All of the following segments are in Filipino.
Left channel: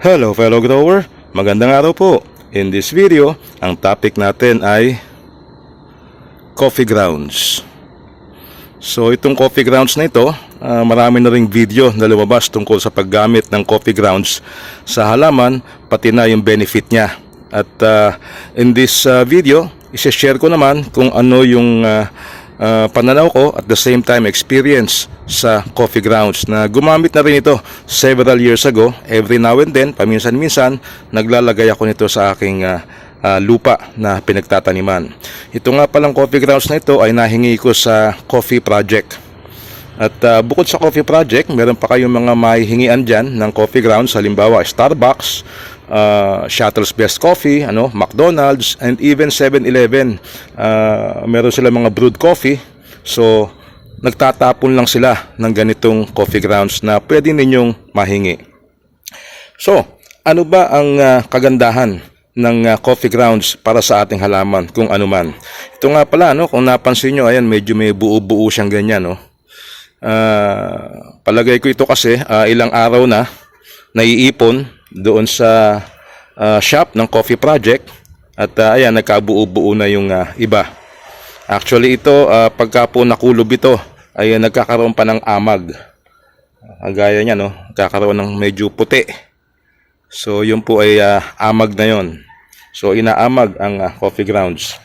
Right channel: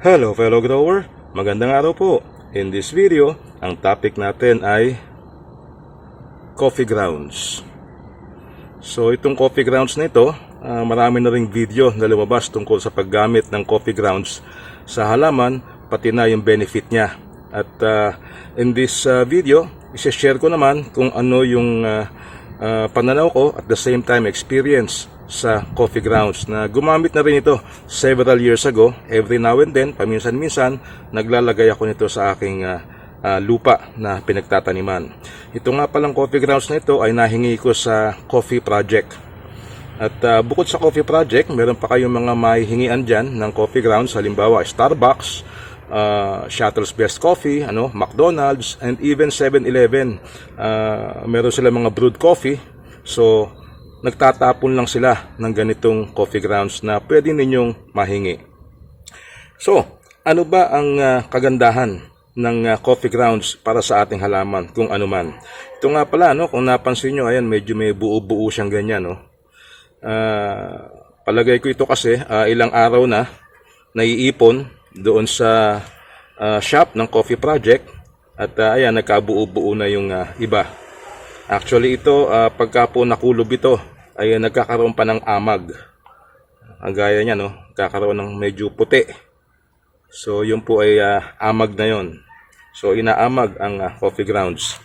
Hello fellow grower, magandang araw po. In this video, ang topic natin ay coffee grounds. So itong coffee grounds na ito, ah, marami na ring video na lumabas tungkol sa paggamit ng coffee grounds sa halaman, pati na yung benefit niya. At ah, in this ah, video, isi-share ko naman kung ano yung ah, ah, pananaw ko at the same time experience sa coffee grounds na gumamit na rin ito several years ago. Every now and then, paminsan-minsan, naglalagay ako nito sa aking ah, ah, lupa na pinagtataniman. Ito nga palang coffee grounds na ito ay nahingi ko sa coffee project. At ah, bukod sa coffee project, meron pa kayong mga mahihingian dyan ng coffee grounds, halimbawa Starbucks, uh, Shuttle's Best Coffee, ano, McDonald's, and even 7-Eleven. Ah, meron sila mga brewed coffee. So, nagtatapon lang sila ng ganitong coffee grounds na pwede ninyong mahingi. So, ano ba ang ah, kagandahan ng ah, coffee grounds para sa ating halaman kung ano man? Ito nga pala, no, kung napansin nyo, ayan, medyo may buo-buo siyang ganyan. No? Ah, palagay ko ito kasi ah, ilang araw na naiipon doon sa ah, shop ng Coffee Project at ah, ayan nagkabuo-buo na yung ah, iba. Actually ito ah, pagka po nakulob ito ay nagkakaroon pa ng amag. Ang gaya niya no, nagkakaroon ng medyo puti. So yun po ay ah, amag na yon. So inaamag ang ah, coffee grounds.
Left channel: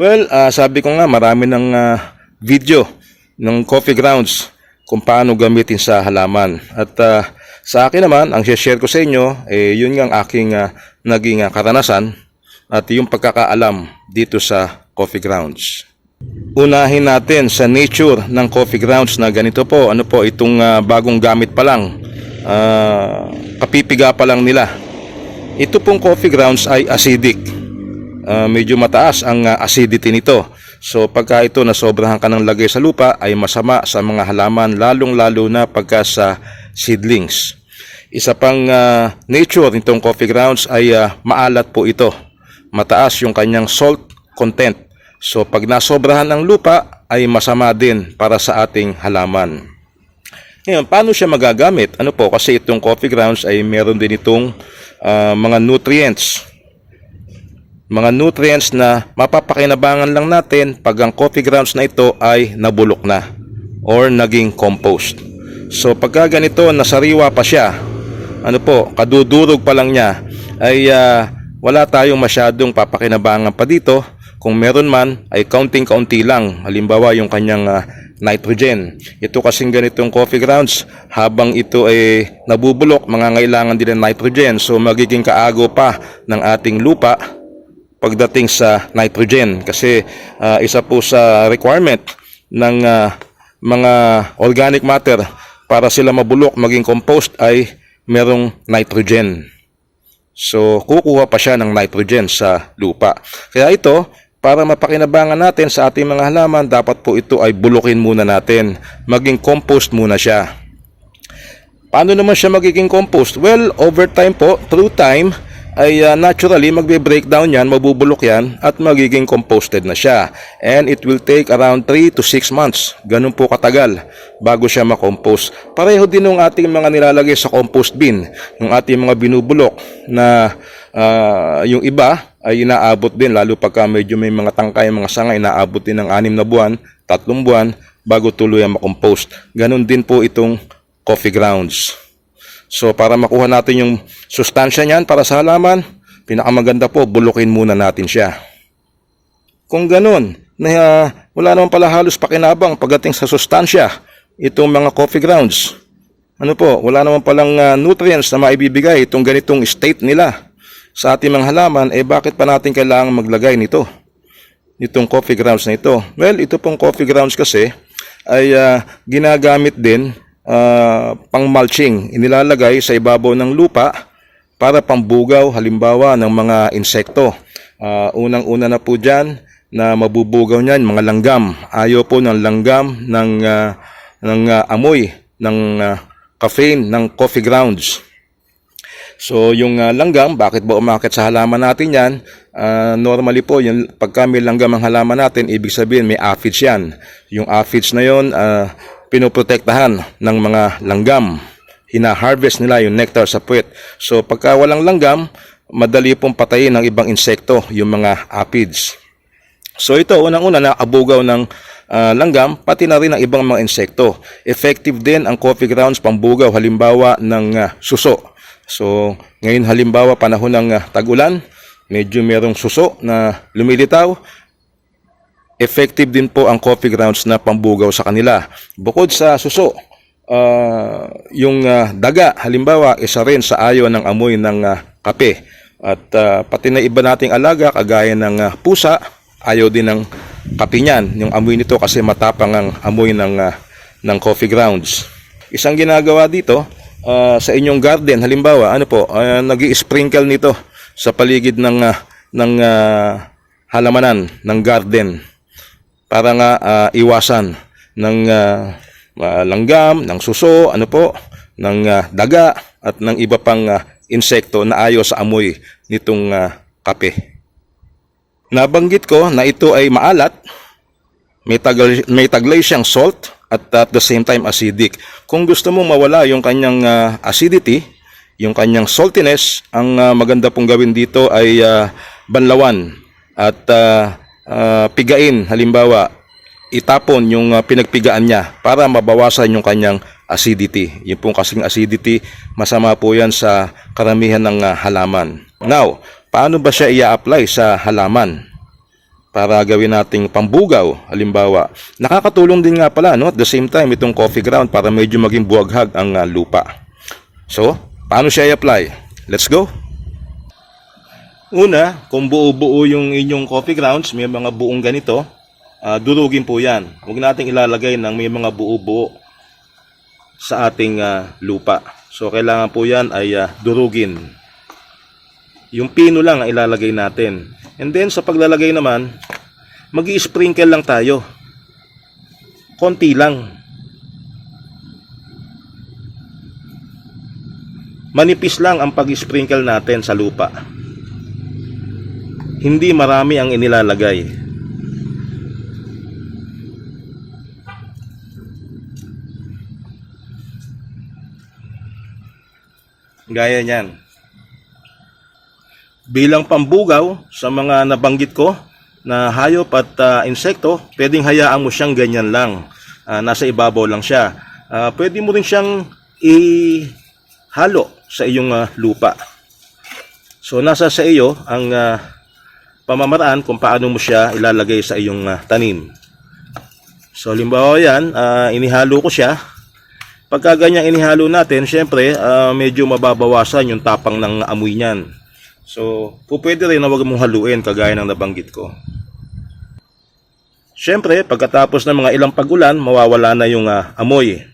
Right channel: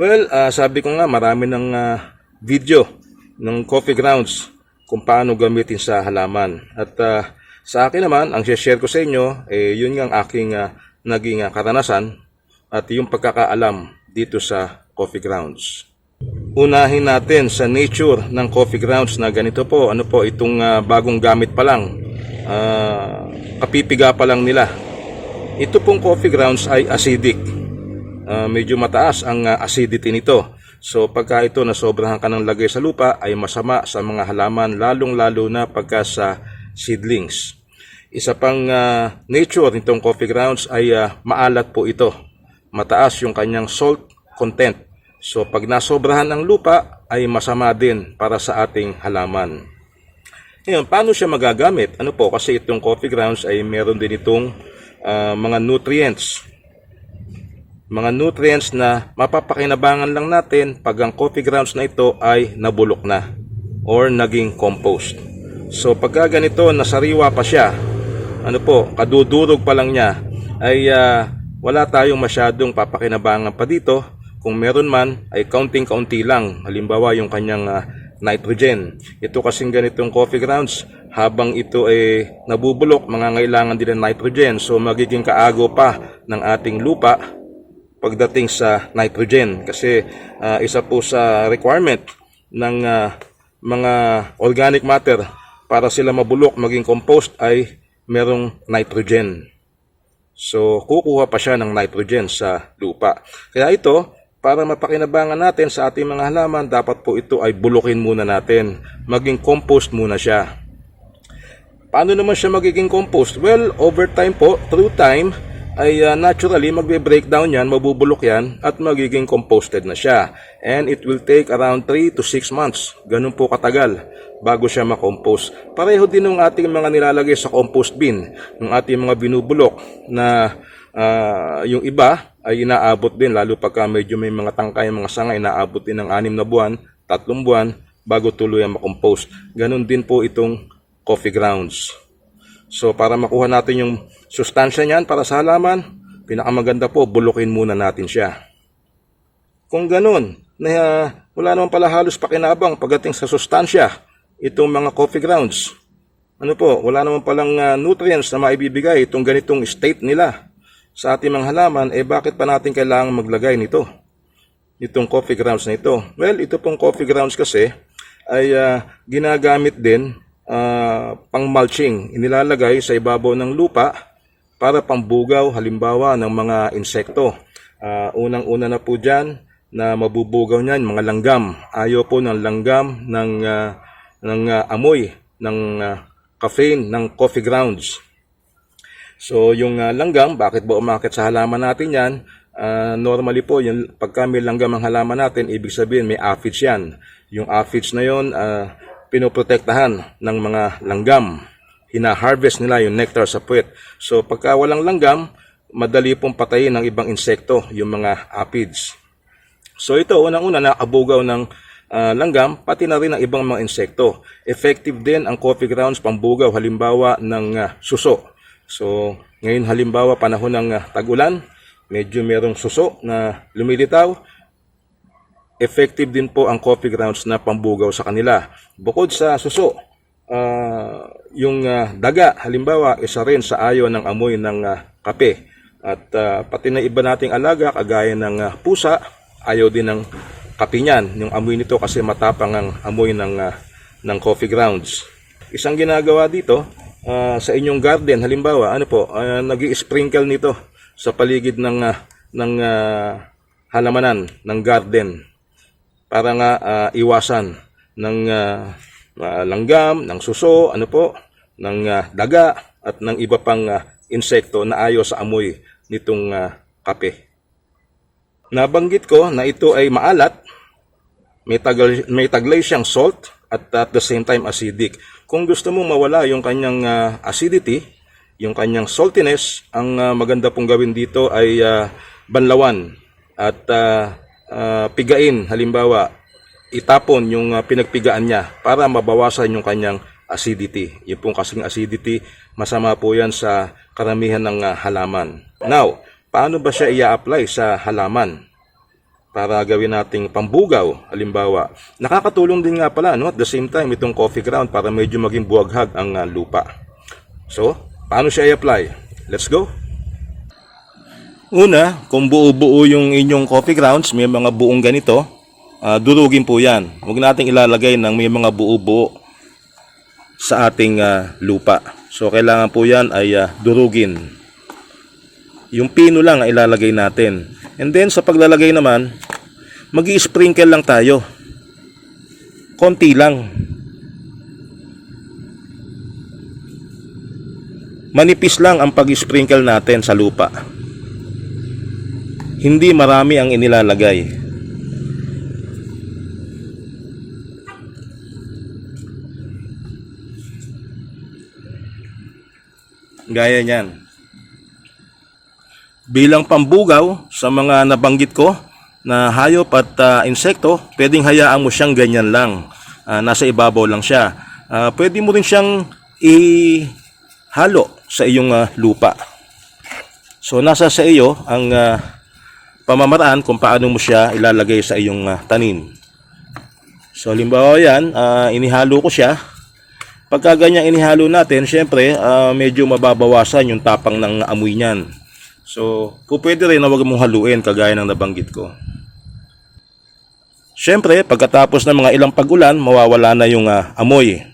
Well, ah, sabi ko nga marami ng ah, video ng coffee grounds kung paano gamitin sa halaman. At ah, sa akin naman, ang share ko sa inyo, eh, yun nga ang aking ah, naging ah, karanasan at yung pagkakaalam dito sa coffee grounds. Unahin natin sa nature ng coffee grounds na ganito po. Ano po, itong ah, bagong gamit pa lang. Ah, kapipiga pa lang nila. Ito pong coffee grounds ay acidic. Ah, medyo mataas ang ah, acidity nito. So pagka ito nasobrahan ka ng lagay sa lupa ay masama sa mga halaman lalong-lalo na pagka sa seedlings. Isa pang ah, nature nitong coffee grounds ay ah, maalat po ito. Mataas yung kanyang salt content. So pag nasobrahan ng lupa ay masama din para sa ating halaman. Ngayon, paano siya magagamit? Ano po, kasi itong coffee grounds ay meron din itong ah, mga nutrients mga nutrients na mapapakinabangan lang natin pag ang coffee grounds na ito ay nabulok na or naging compost. So pagka ganito nasariwa pa siya, ano po, kadudurog pa lang niya, ay ah, wala tayong masyadong papakinabangan pa dito. Kung meron man, ay counting-county lang. Halimbawa yung kanyang ah, nitrogen. Ito kasing ganitong coffee grounds, habang ito ay nabubulok, mangangailangan din ng nitrogen. So magiging kaago pa ng ating lupa pagdating sa nitrogen kasi ah, isa po sa requirement ng ah, mga organic matter para sila mabulok maging compost ay merong nitrogen. So kukuha pa siya ng nitrogen sa lupa. Kaya ito, para mapakinabangan natin sa ating mga halaman, dapat po ito ay bulukin muna natin. Maging compost muna siya. Paano naman siya magiging compost? Well, over time po, through time, ay uh, naturally magbe-breakdown yan, mabubulok yan, at magiging composted na siya. And it will take around 3 to 6 months. Ganun po katagal bago siya makompost. Pareho din ng ating mga nilalagay sa compost bin, yung ating mga binubulok na ah, yung iba ay inaabot din, lalo pagka medyo may mga tangkay, mga sanga, inaabot din ng 6 na buwan, 3 buwan, bago tuluyan makompost. Ganun din po itong coffee grounds. So para makuha natin yung sustansya niyan para sa halaman, pinakamaganda po, bulukin muna natin siya. Kung ganun, na ah, wala naman pala halos pakinabang pagdating sa sustansya, itong mga coffee grounds. Ano po, wala naman palang ah, nutrients na maibibigay itong ganitong state nila sa ating mga halaman, eh bakit pa natin kailangan maglagay nito? Itong coffee grounds na ito. Well, ito pong coffee grounds kasi ay ah, ginagamit din ah, pang mulching. Inilalagay sa ibabaw ng lupa para pambugaw halimbawa ng mga insekto. Ah, unang-una na po dyan na mabubugaw niyan mga langgam. Ayaw po ng langgam ng ah, ng ah, amoy ng ah, caffeine ng coffee grounds. So yung ah, langgam, bakit ba umakit sa halaman natin yan? Ah, normally po, yung, pagka may langgam ang halaman natin, ibig sabihin may aphids yan. Yung aphids na yon, ah, pinoprotektahan ng mga langgam. hina-harvest nila yung nectar sa puwet. So pagka walang langgam, madali pong patayin ng ibang insekto, yung mga aphids. So ito, unang-una na abugaw ng ah, langgam, pati na rin ang ibang mga insekto. Effective din ang coffee grounds pambugaw, halimbawa ng ah, suso. So ngayon halimbawa panahon ng ah, tag-ulan, medyo merong suso na lumilitaw, effective din po ang coffee grounds na pambugaw sa kanila. Bukod sa suso, ah, yung ah, daga, halimbawa, isa rin sa ayo ng amoy ng ah, kape. At ah, pati na iba nating alaga, kagaya ng ah, pusa, ayaw din ng kape niyan. Yung amoy nito kasi matapang ang amoy ng, ah, ng coffee grounds. Isang ginagawa dito, ah, sa inyong garden, halimbawa, ano po, nag sprinkle nito sa paligid ng, ah, ng ah, halamanan, ng garden para nga ah, iwasan ng ah, langgam, ng suso, ano po, ng ah, daga at ng iba pang ah, insekto na ayaw sa amoy nitong ah, kape. Nabanggit ko na ito ay maalat, may, tagal, may taglay siyang salt at at the same time acidic. Kung gusto mo mawala yung kanyang ah, acidity, yung kanyang saltiness, ang ah, maganda pong gawin dito ay ah, banlawan at ah, pigain. Halimbawa, itapon yung ah, pinagpigaan niya para mabawasan yung kanyang acidity. Yung pong kasing acidity, masama po yan sa karamihan ng ah, halaman. Now, paano ba siya i-apply sa halaman? para gawin nating pambugaw, halimbawa. Nakakatulong din nga pala, no, at the same time, itong coffee ground para medyo maging buwaghag ang ah, lupa. So, paano siya i-apply? Let's go! Una, kung buo-buo yung inyong coffee grounds, may mga buong ganito, ah, durugin po yan. Huwag nating ilalagay ng may mga buo-buo sa ating ah, lupa. So, kailangan po yan ay ah, durugin. Yung pino lang ang ilalagay natin. And then sa paglalagay naman, mag sprinkle lang tayo. Konti lang. Manipis lang ang pag-sprinkle natin sa lupa. Hindi marami ang inilalagay. Gaya niyan bilang pambugaw sa mga nabanggit ko na hayop at ah, insekto, pwedeng hayaan mo siyang ganyan lang. Ah, nasa ibabaw lang siya. Ah, pwede mo rin siyang ihalo sa iyong ah, lupa. So nasa sa iyo ang ah, pamamaraan kung paano mo siya ilalagay sa iyong ah, tanim. So limbawa yan, ah, inihalo ko siya. Pagka ganyan inihalo natin, syempre ah, medyo mababawasan yung tapang ng amoy niyan. So, po pwede rin na huwag mong haluin kagaya ng nabanggit ko. Siyempre, pagkatapos ng mga ilang pagulan, mawawala na yung ah, amoy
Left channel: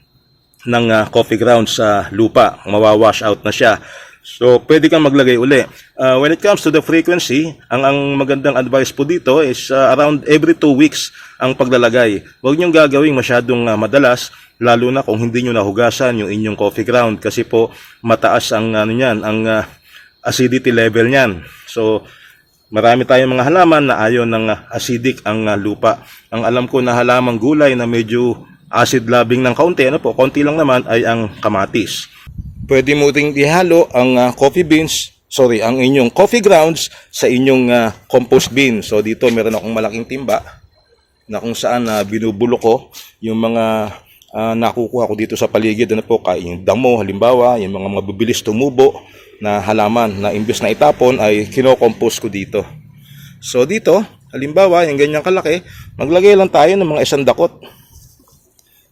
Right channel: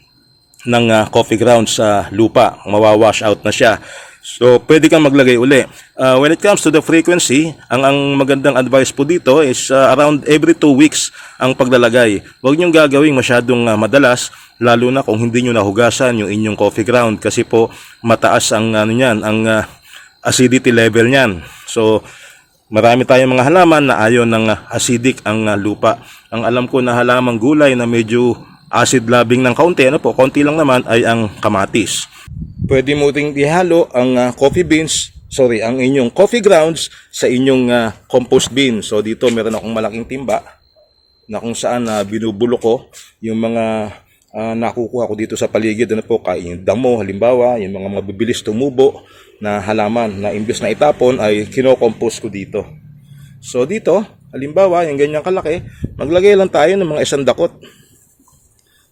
ng ah, coffee ground sa lupa. Mawawash out na siya. So, pwede kang maglagay uli. Ah, when it comes to the frequency, ang, ang magandang advice po dito is ah, around every 2 weeks ang paglalagay. Huwag niyong gagawing masyadong ah, madalas, lalo na kung hindi niyo nahugasan yung inyong coffee ground kasi po mataas ang ano niyan, ang ah, acidity level niyan. So, marami tayong mga halaman na ayaw ng uh, acidic ang uh, lupa. Ang alam ko na halamang gulay na medyo acid loving ng kaunti, ano po, konti lang naman ay ang kamatis. Pwede mo ring ihalo ang uh, coffee beans, sorry, ang inyong coffee grounds sa inyong uh, compost bin. So dito meron akong malaking timba na kung saan uh, binubulok ko yung mga ah, nakukuha ko dito sa paligid. Ano po kaya yung damo halimbawa yung mga mabibilis tumubo na halaman na imbes na itapon ay kinokompose ko dito. So dito halimbawa yung ganyang kalaki maglagay lang tayo ng mga isang dakot.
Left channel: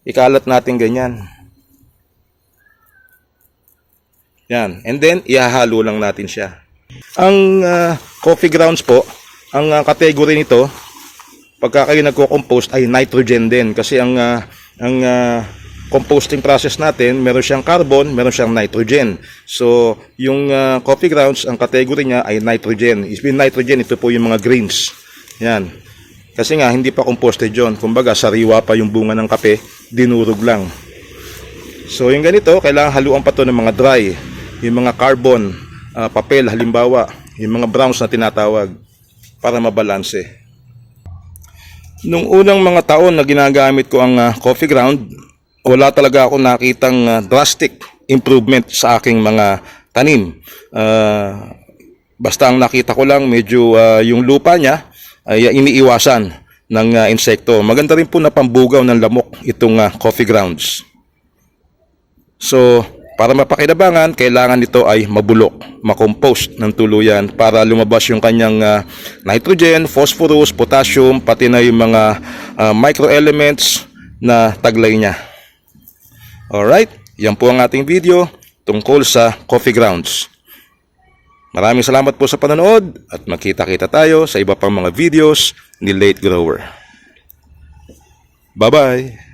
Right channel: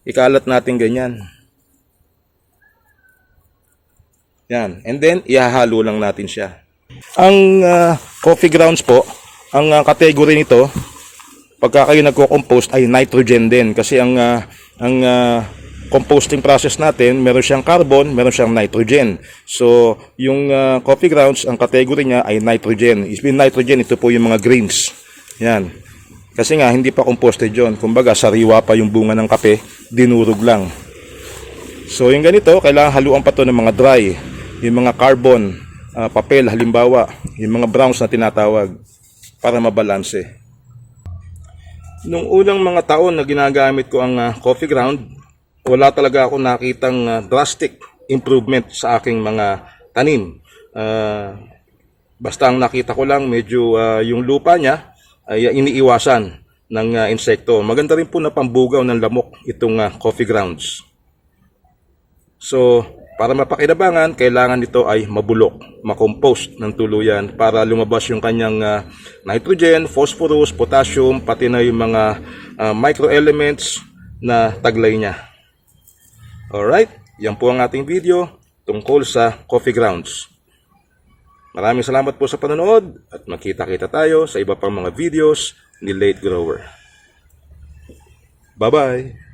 Ikalat natin ganyan yan and then ihahalo lang natin siya ang ah, coffee grounds po ang ah, category nito pagka kayo nagko-compost ay nitrogen din kasi ang ah, ang ah, composting process natin meron siyang carbon, meron siyang nitrogen. So, yung ah, coffee grounds, ang category niya ay nitrogen. Is mean nitrogen, ito po yung mga greens. Yan. Kasi nga hindi pa composted 'yon. Kumbaga sariwa pa yung bunga ng kape, dinurog lang. So, yung ganito, kailangan haluan pa to ng mga dry, yung mga carbon, ah, papel halimbawa, yung mga browns na tinatawag para mabalanse. Nung unang mga taon na ginagamit ko ang ah, coffee ground, wala talaga ako nakitang ah, drastic improvement sa aking mga tanim. Ah, basta ang nakita ko lang medyo ah, yung lupa niya ay ah, iniiwasan ng ah, insekto. Maganda rin po na pambugaw ng lamok itong ah, coffee grounds. So, para mapakinabangan, kailangan nito ay mabulok, makompost ng tuluyan para lumabas yung kanyang ah, nitrogen, phosphorus, potassium, pati na yung mga ah, microelements na taglay niya. Alright, yan po ang ating video tungkol sa coffee grounds. Maraming salamat po sa panonood at magkita-kita tayo sa iba pang mga videos ni Late Grower. Bye-bye!